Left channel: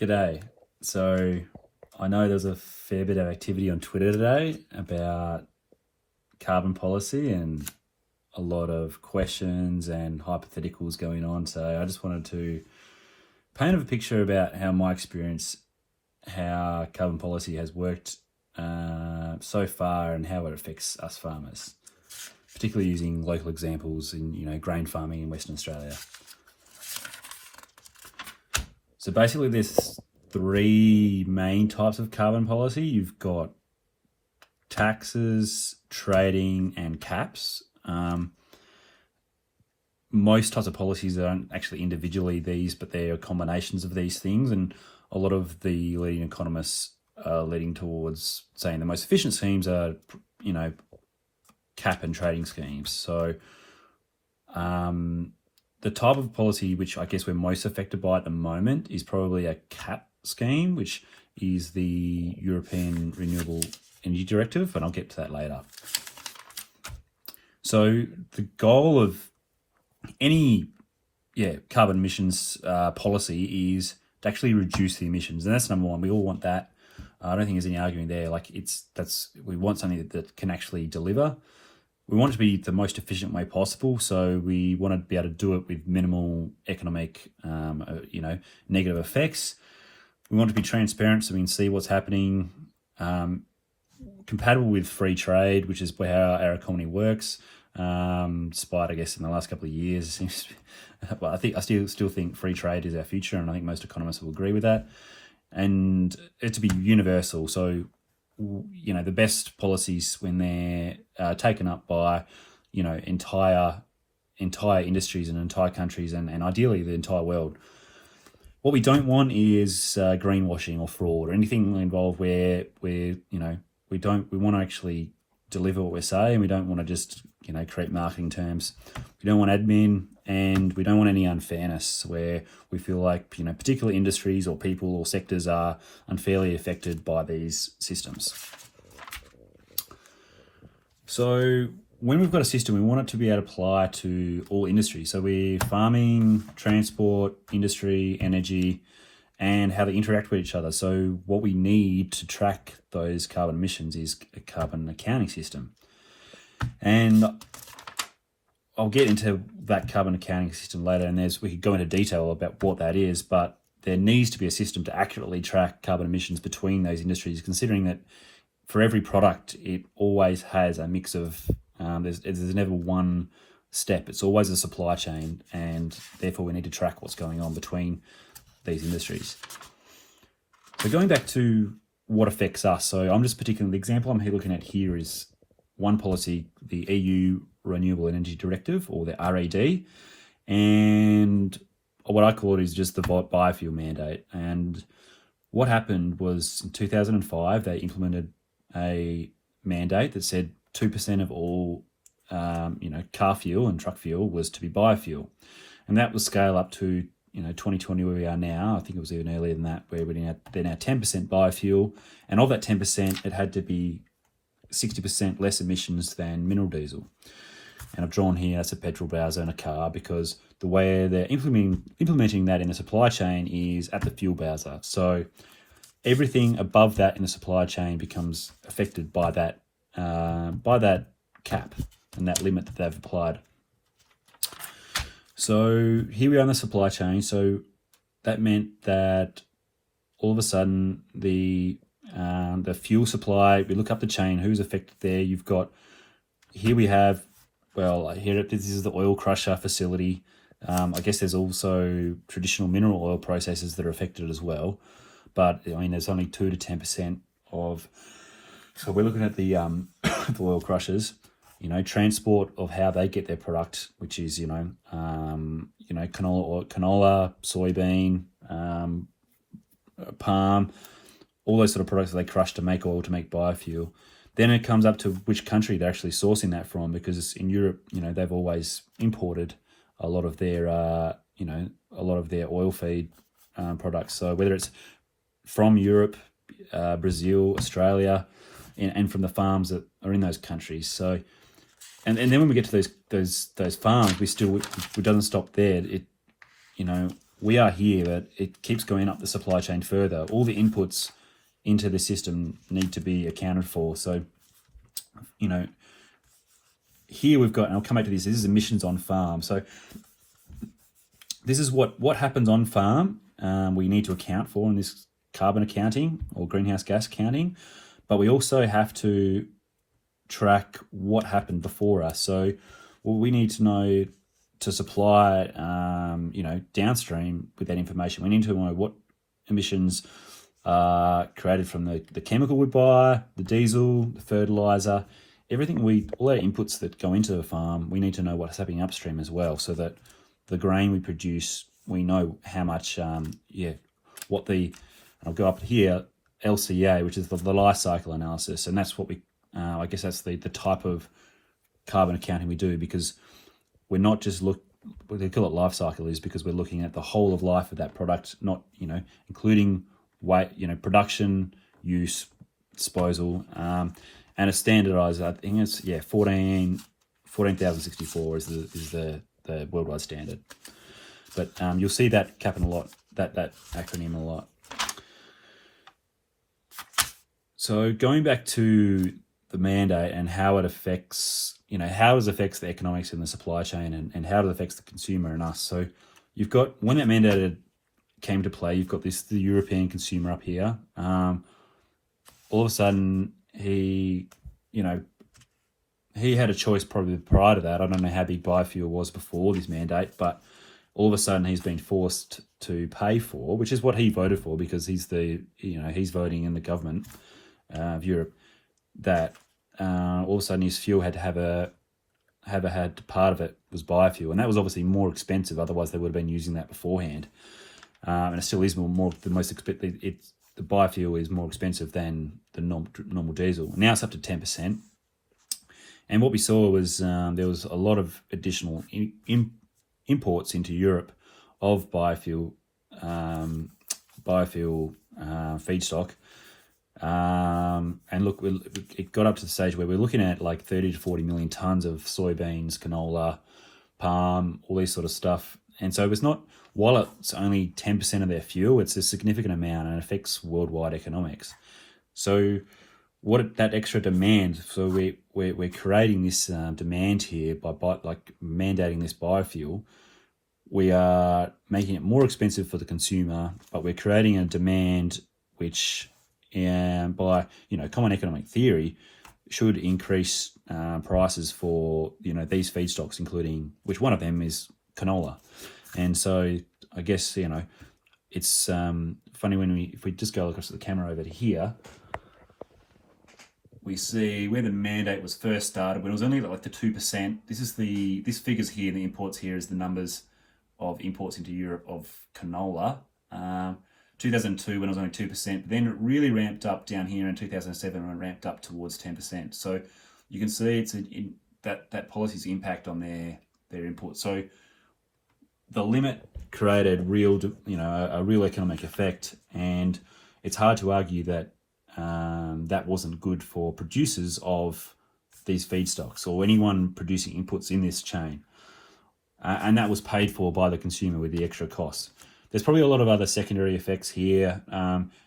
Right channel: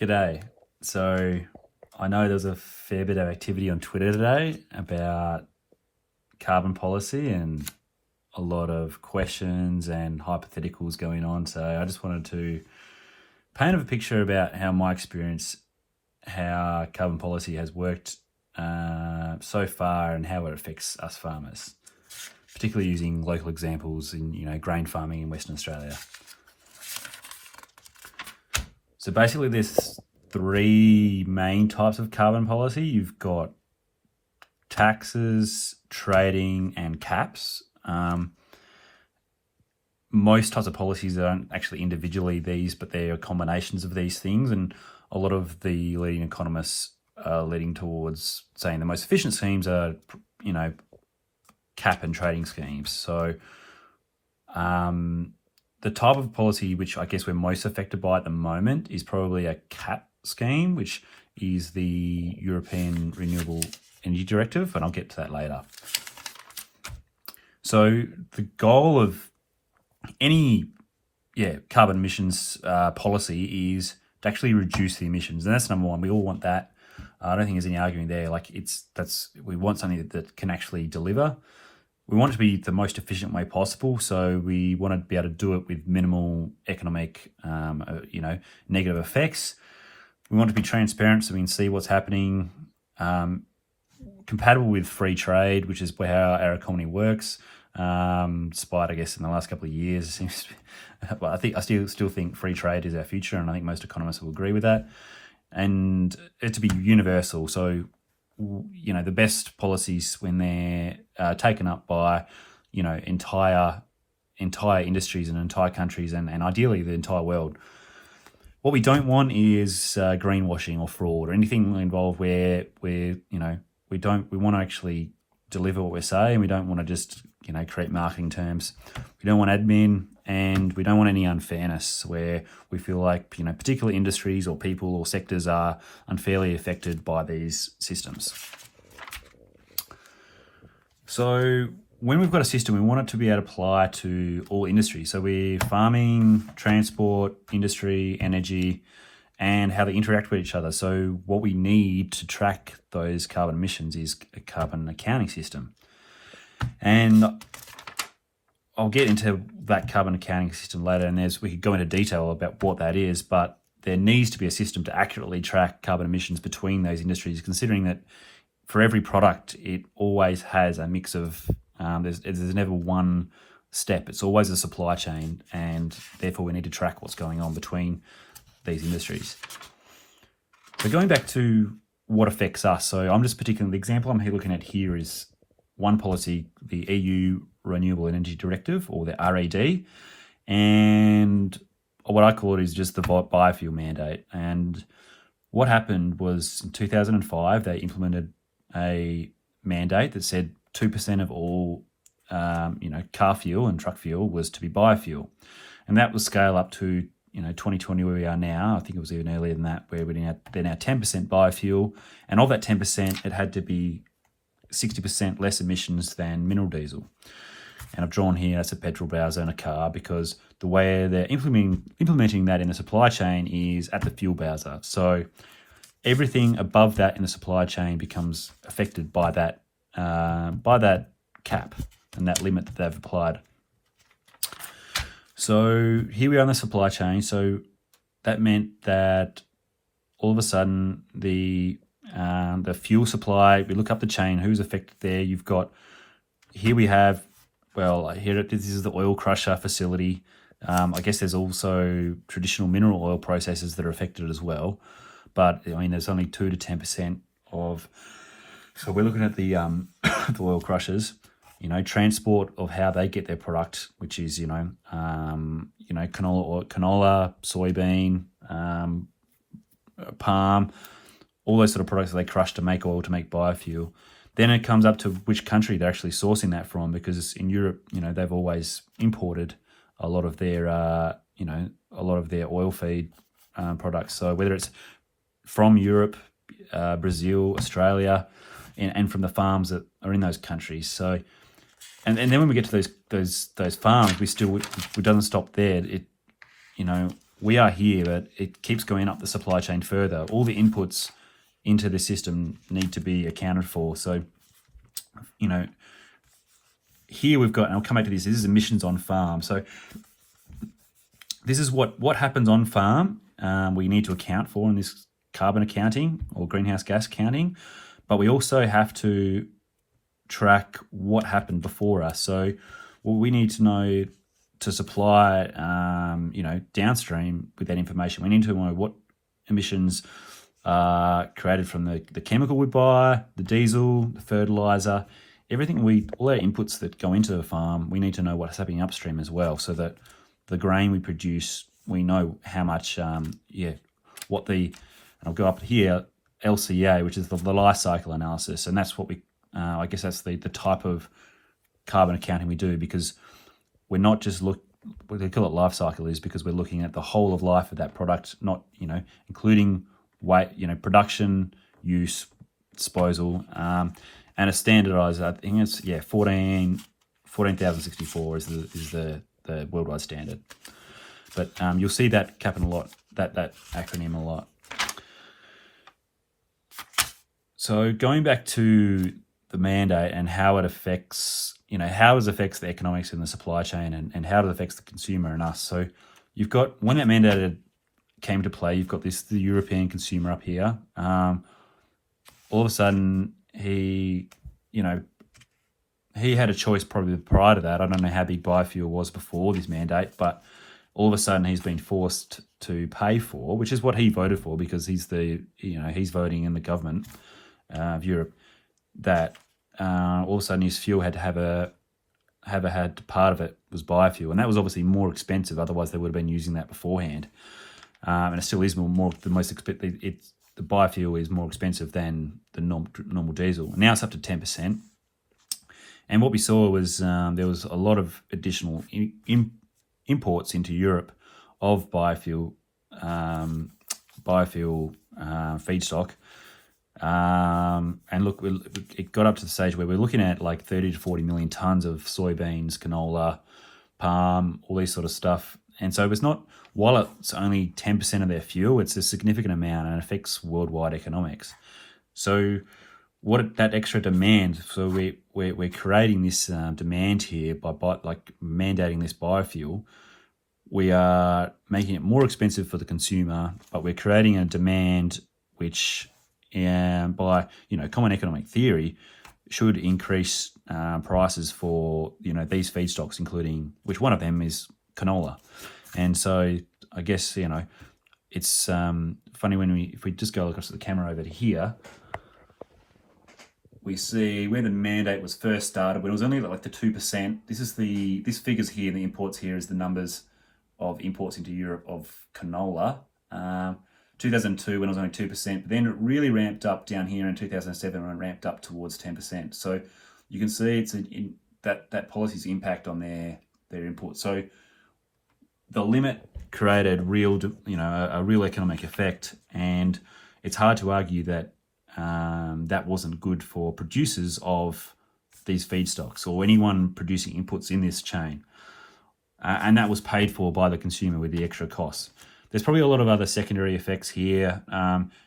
G'day. So I know there's a fair bit of activity on Twitter today about carbon policy and a lot of questions and hypotheticals going on. So I just wanted to paint a picture about how my experience, how carbon policy has worked so far and how it affects us farmers, particularly using local examples in grain farming in Western Australia. So basically there's three main types of carbon policy. You've got taxes, trading, and caps. Most types of policies aren't actually individually these, but they're combinations of these things. And a lot of the leading economists are leading towards saying the most efficient schemes are, cap and trading schemes. So the type of policy which I guess we're most affected by at the moment is probably a cap scheme, which is the European Renewable Energy Directive, and I'll get to that later. So the goal of any carbon emissions policy is to actually reduce the emissions, and that's number one. We all want that. I don't think there's any arguing there. We want something that can actually deliver. We want it to be the most efficient way possible, so we want to be able to do it with minimal economic, negative effects. We want to be transparent so we can see what's happening, compatible with free trade, which is how our economy works. Despite, I guess, in the last couple of years, it seems, but I still think free trade is our future, and I think most economists will agree with that. And it to be universal, so the best policies when they're taken up by entire industries and entire countries and ideally the entire world. What we don't want is greenwashing or fraud or anything involved where we want to actually deliver what we say, and we don't want to just create marketing terms. We don't want admin, and we don't want any unfairness where we feel like particular industries or people or sectors are unfairly affected by these systems. So when we've got a system, we want it to be able to apply to all industries. So we're farming, transport, industry, energy, and how they interact with each other. So what we need to track those carbon emissions is a carbon accounting system. And I'll get into that carbon accounting system later, and we could go into detail about what that is, but there needs to be a system to accurately track carbon emissions between those industries, considering that for every product, it always has a mix of, there's never one step. It's always a supply chain, and therefore we need to track what's going on between these industries. So going back to what affects us, so I'm just particularly, the example I'm looking at here is one policy, the EU Renewable Energy Directive, or the RED, and what I call it is just the biofuel mandate. And what happened was in 2005, they implemented a mandate that said 2% of all car fuel and truck fuel was to be biofuel, and that would scale up to 2020 where we are now. I think it was even earlier than that, where they're now 10% biofuel, and of that 10%, it had to be 60% less emissions than mineral diesel. And I've drawn here as a petrol bowser and a car because the way they're implementing that in the supply chain is at the fuel bowser. So everything above that in the supply chain becomes affected by that cap and that limit that they've applied. So here we are in the supply chain. So that meant that all of a sudden the fuel supply, we look up the chain, who's affected there. You've got, here we have, this is the oil crusher facility. I guess there's also traditional mineral oil processors that are affected as well. But there's only 2 to 10% of, so we're looking at the oil crushers, transport of how they get their product, which is, canola, soybean, palm, all those sort of products that they crush to make oil, to make biofuel. Then it comes up to which country they're actually sourcing that from, because in Europe, they've always imported a lot of their, oil feed products. So whether it's from Europe, Brazil, Australia, and from the farms that are in those countries. So, and then when we get to those farms, it doesn't stop there. we are here, but it keeps going up the supply chain further. All the inputs into the system need to be accounted for. So, you know, here we've got, and I'll come back to this is emissions on farm. So this is what happens on farm. We need to account for in this carbon accounting or greenhouse gas counting, but we also have to track what happened before us. So what we need to know to supply, you know, downstream with that information, we need to know what emissions are created from the chemical we buy, the diesel, the fertilizer, everything all our inputs that go into the farm. We need to know what's happening upstream as well, so that the grain we produce, we know how much, what the, I'll go up here, LCA, which is the life cycle analysis, and that's what we, I guess that's the type of carbon accounting we do, because we're not just what they call it life cycle is because we're looking at the whole of life of that product, not, you know, including weight, you know, production, use, disposal, and a standardized, I think it's 14,064 is the worldwide standard. But you'll see that happen a lot, that acronym a lot. So going back to the mandate and how it affects, you know, how it affects the economics in the supply chain and how it affects the consumer and us. So you've got, when that mandate came to play, you've got the European consumer up here. All of a sudden, he had a choice probably prior to that. I don't know how big biofuel was before this mandate, but all of a sudden he's been forced to pay for, which is what he voted for, because he's he's voting in the government of Europe, that all of a sudden his fuel had to had part of it was biofuel, and that was obviously more expensive. Otherwise, they would have been using that beforehand, and it still is the most expensive. The biofuel is more expensive than the normal diesel. Now it's up to 10%. And what we saw was there was a lot of additional imports into Europe of biofuel feedstock. And look, it got up to the stage where we're looking at like 30 to 40 million tons of soybeans, canola, palm, all this sort of stuff. And so it's not, while it's only 10% of their fuel, it's a significant amount and it affects worldwide economics. So that extra demand, so we're creating this demand here by like mandating this biofuel. We are making it more expensive for the consumer, but we're creating a demand which, by common economic theory, should increase prices for these feedstocks, including which one of them is canola. And so I guess it's funny if we just go across to the camera over to here. We see where the mandate was first started, when it was only like the 2%. This figures here, the imports here is the numbers of imports into Europe of canola. 2002 when it was only 2%, but then it really ramped up down here in 2007 when it ramped up towards 10%. So you can see it's that policy's impact on their imports. So the limit created a real economic effect, and it's hard to argue that that wasn't good for producers of these feedstocks or anyone producing inputs in this chain. And that was paid for by the consumer with the extra costs. There's probably a lot of other secondary effects here.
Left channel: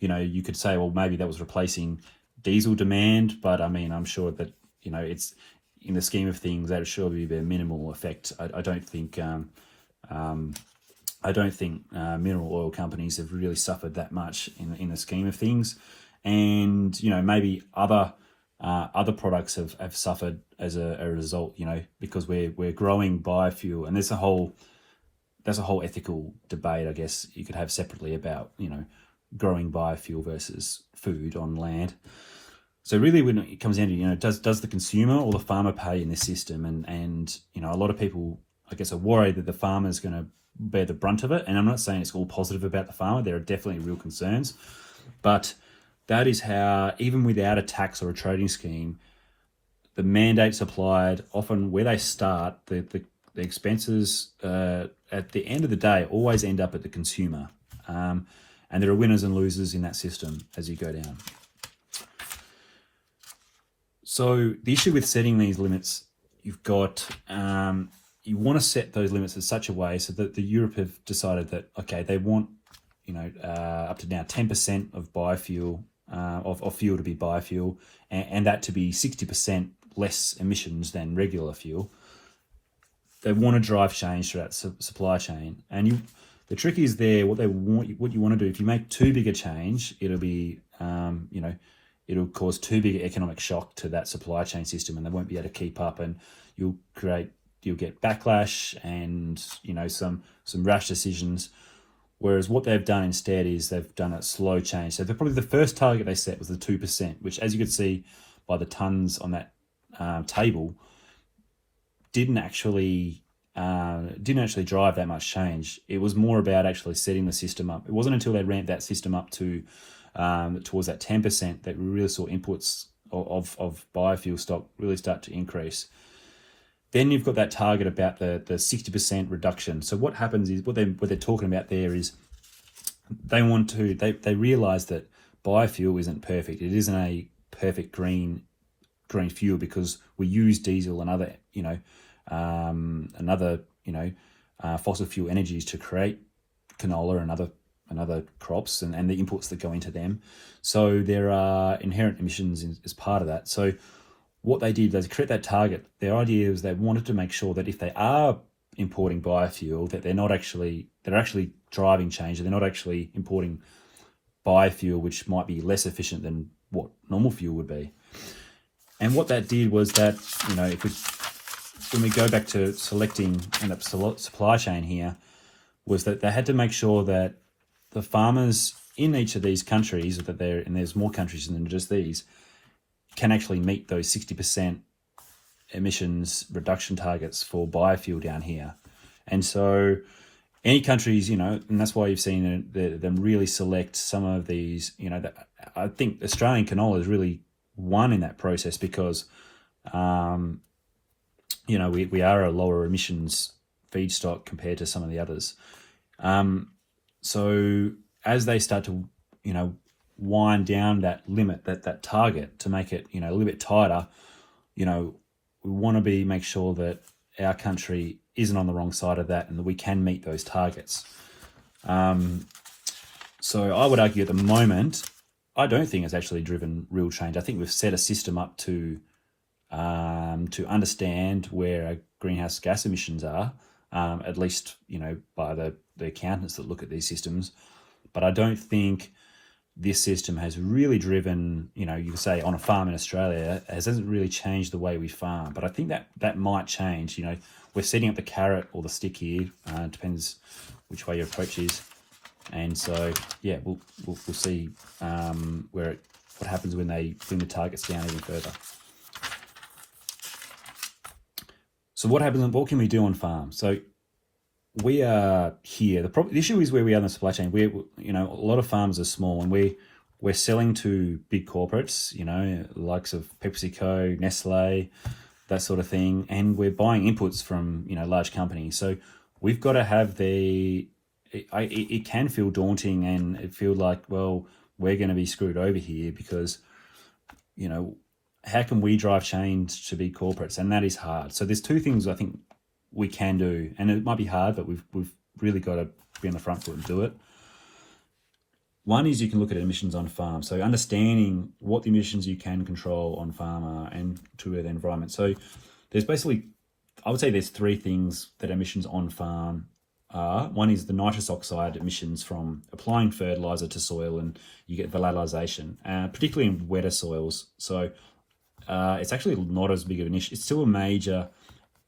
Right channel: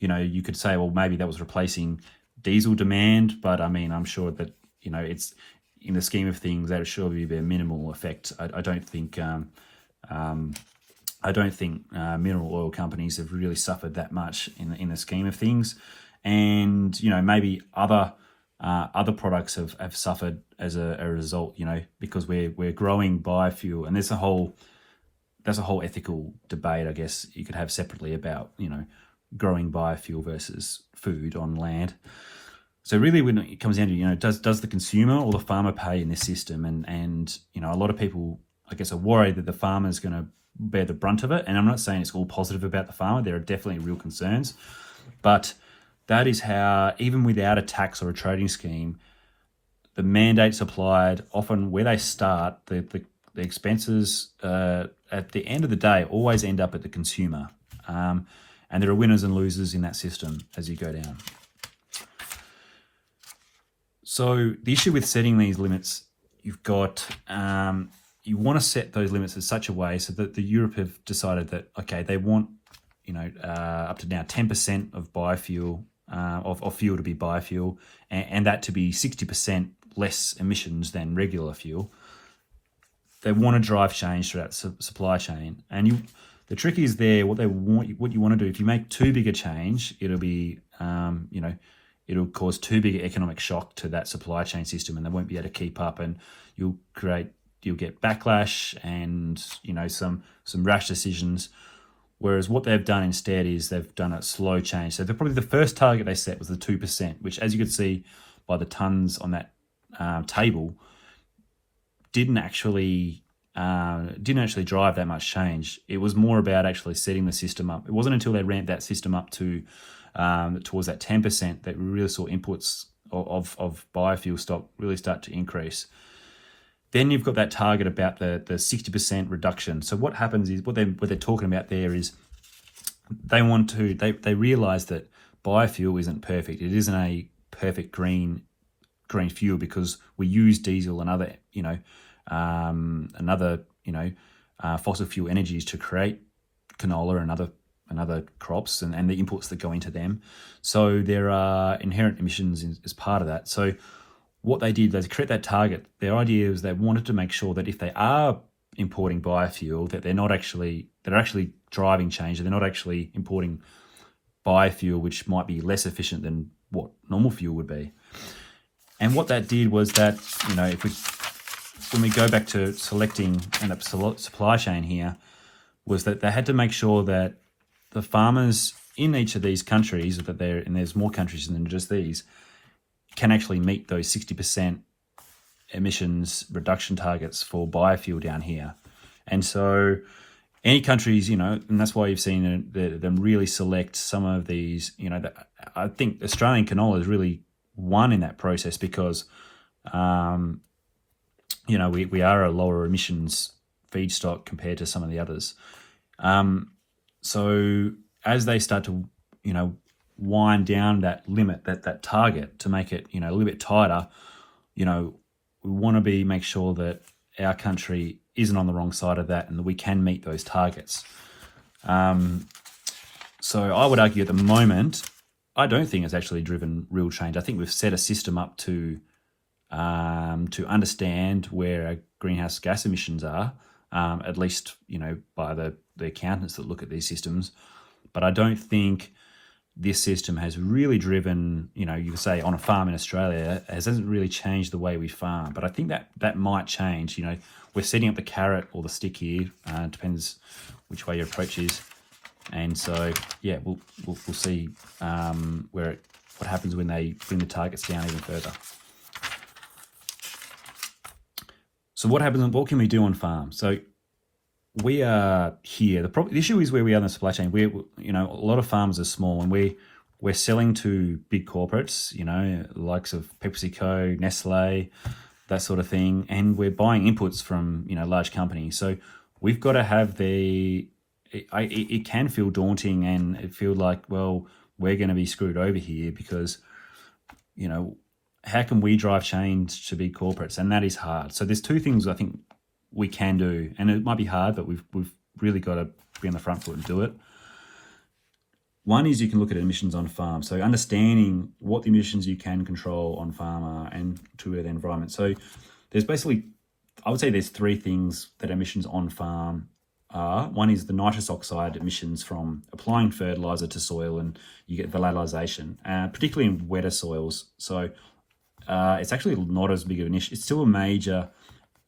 You could say, well, maybe that was replacing diesel demand, but I mean, I'm sure that, it's in the scheme of things, that should be the minimal effect. I don't think mineral oil companies have really suffered that much in the scheme of things. And, maybe other products have suffered as a result, because we're growing biofuel, and that's a whole ethical debate, I guess, you could have separately about, growing biofuel versus food on land. So really, when it comes down to, does the consumer or the farmer pay in this system? And a lot of people, I guess, are worried that the farmer is going to bear the brunt of it. And I'm not saying it's all positive about the farmer. There are definitely real concerns, but that is how, even without a tax or a trading scheme, the mandates applied, often where they start, the expenses at the end of the day always end up at the consumer. And there are winners and losers in that system as you go down. So the issue with setting these limits, you've got, you want to set those limits in such a way so that the Europe have decided that, okay, they want, up to now 10% of biofuel, of fuel to be biofuel, and that to be 60% less emissions than regular fuel. They want to drive change throughout the supply chain. And the trick is there, what you want to do, if you make too big a change, it'll be, it'll cause too big an economic shock to that supply chain system, and they won't be able to keep up, and you'll get backlash and some rash decisions. Whereas what they've done instead is they've done a slow change. So probably the first target they set was the 2%, which, as you could see by the tons on that table, didn't actually drive that much change. It was more about actually setting the system up. It wasn't until they ramped that system up to towards that 10% that we really saw inputs of biofuel stock really start to increase. Then you've got that target about the 60% reduction. So what happens is what they're talking about there is they realize that biofuel isn't perfect. It isn't a perfect green fuel because we use diesel and other fossil fuel energies to create canola and other crops and the inputs that go into them. So there are inherent emissions as part of that. So what they did, they create that target. Their idea is they wanted to make sure that if they are importing biofuel, that they're actually driving change. They're not actually importing biofuel, which might be less efficient than what normal fuel would be. And what that did was that, when we go back to selecting an supply chain here, was that they had to make sure that the farmers in each of these countries, and there's more countries than just these, can actually meet those 60% emissions reduction targets for biofuel down here. And so any countries, and that's why you've seen them really select some of these, I think Australian canola is really one in that process because, we are a lower emissions feedstock compared to some of the others. So as they start to, wind down that limit, that target to make it, a little bit tighter, we want to make sure that our country isn't on the wrong side of that and that we can meet those targets. So I would argue at the moment, I don't think it's actually driven real change. I think we've set a system up to understand where our greenhouse gas emissions are, at least, by the accountants that look at these systems. But I don't think this system has really driven, you could say on a farm in Australia, it hasn't really changed the way we farm. But I think that might change. We're setting up the carrot or the stick here. Depends which way your approach is. And so, yeah, we'll see what happens when they bring the targets down even further. So what happens? What can we do on farm? So we are here. The issue is where we are in the supply chain. A lot of farmers are small, and we're selling to big corporates. The likes of PepsiCo, Nestle, that sort of thing, and we're buying inputs from large companies. So we've got to have it can feel daunting, and it feels like, well, we're going to be screwed over here because how can we drive change to big corporates? And that is hard. So there's two things I think we can do, and it might be hard, but we've really got to be on the front foot and do it. One is you can look at emissions on farm. So understanding what the emissions you can control on farm are and to the environment. So there's basically, I would say there's three things that emissions on farm are. One is the nitrous oxide emissions from applying fertilizer to soil, and you get volatilization, particularly in wetter soils. So it's actually not as big of an issue. It's still a major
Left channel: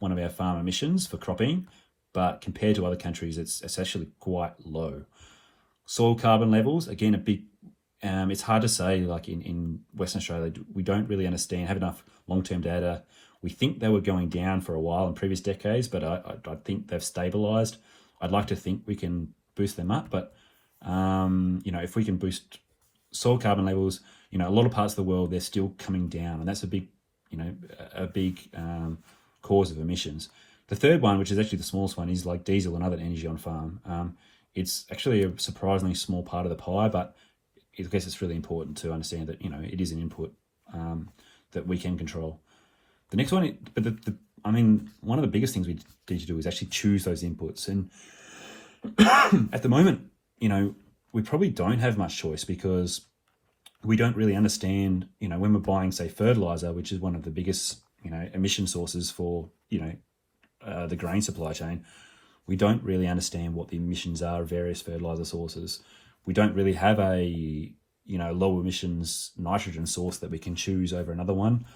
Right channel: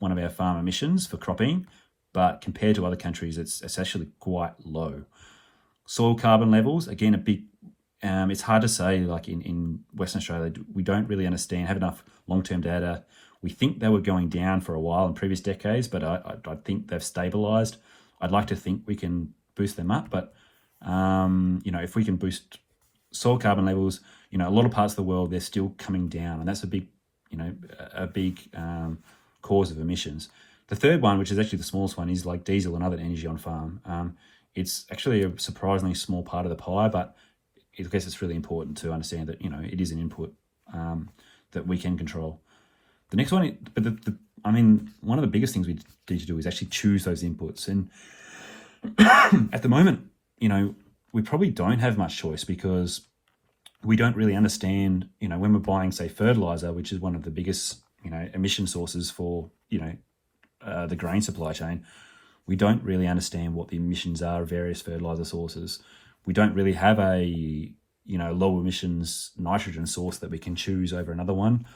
one of our farm emissions for cropping, but compared to other countries, it's actually quite low. Soil carbon levels, again, a big, it's hard to say, like in Western Australia, we don't really have enough long-term data. We think they were going down for a while in previous decades, but I think they've stabilized. I'd like to think we can boost them up, but if we can boost soil carbon levels, a lot of parts of the world, they're still coming down, and that's a big cause of emissions. The third one, which is actually the smallest one, is like diesel and other energy on farm. It's actually a surprisingly small part of the pie, but I guess it's really important to understand that it is an input that we can control. The next one, but I mean, one of the biggest things we need to do is actually choose those inputs. And at the moment, we probably don't have much choice because we don't really understand, when we're buying, say, fertilizer, which is one of the biggest, emission sources for, the grain supply chain. We don't really understand what the emissions are of various fertilizer sources. We don't really have a, low emissions nitrogen source that we can choose over another one.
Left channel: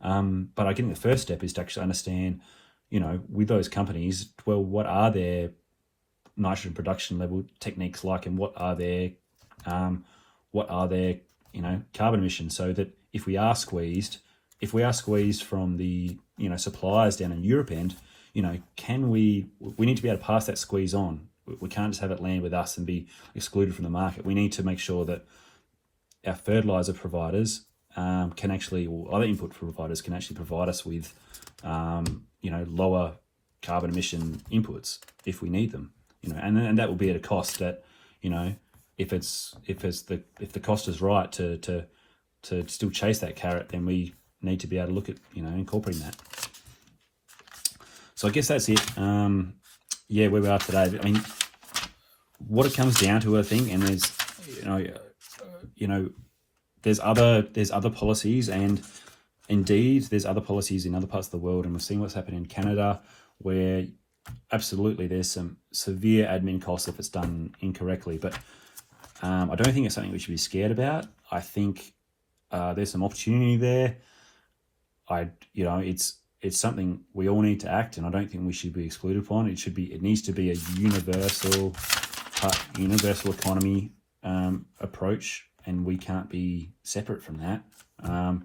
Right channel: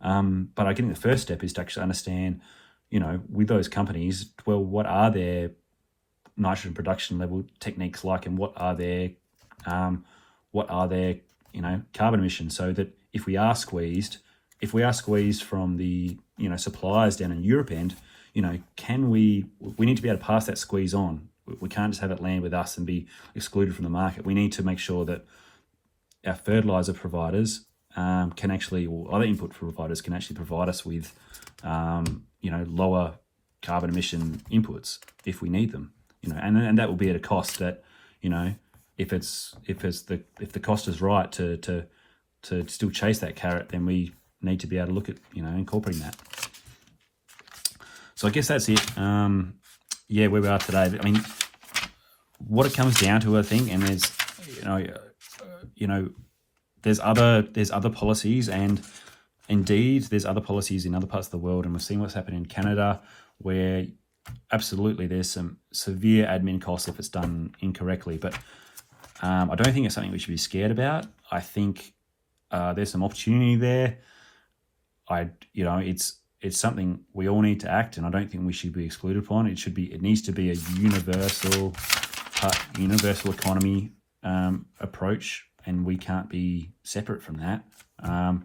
But I think the first step is to actually understand, with those companies, well, what are their nitrogen production level techniques like, and what are their carbon emissions, so that if we are squeezed from the suppliers down in Europe end, can we need to be able to pass that squeeze on. We can't just have it land with us and be excluded from the market. We need to make sure that our fertilizer providers can actually, or other input providers can actually provide us with lower carbon emission inputs if we need them. And that will be at a cost that, if the cost is right to still chase that carrot, then we need to be able to look at incorporating that. So I guess that's it. Where we are today. I mean, what it comes down to, I think, and there's there's other policies, and indeed there's other policies in other parts of the world, and we've seen what's happened in Canada, where absolutely there's some severe admin costs if it's done incorrectly. But I don't think it's something we should be scared about. I think there's some opportunity there. It's something we all need to act, and I don't think we should be excluded from it. It needs to be a universal economy approach, and we can't be separate from that. And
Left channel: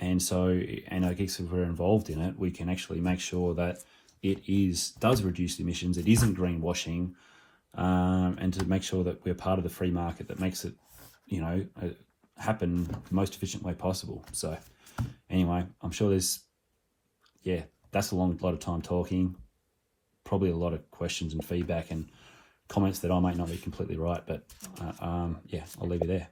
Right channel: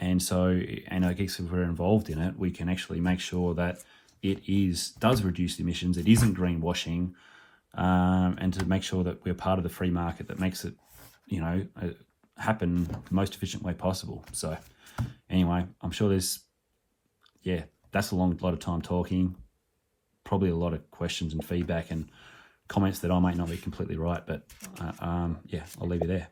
I guess if we're involved in it, we can actually make sure that it does reduce emissions. It isn't greenwashing, and to make sure that we're part of the free market that makes it, happen the most efficient way possible. So anyway, I'm sure that's a lot of time talking, probably a lot of questions and feedback and comments that I might not be completely right, but I'll leave you there.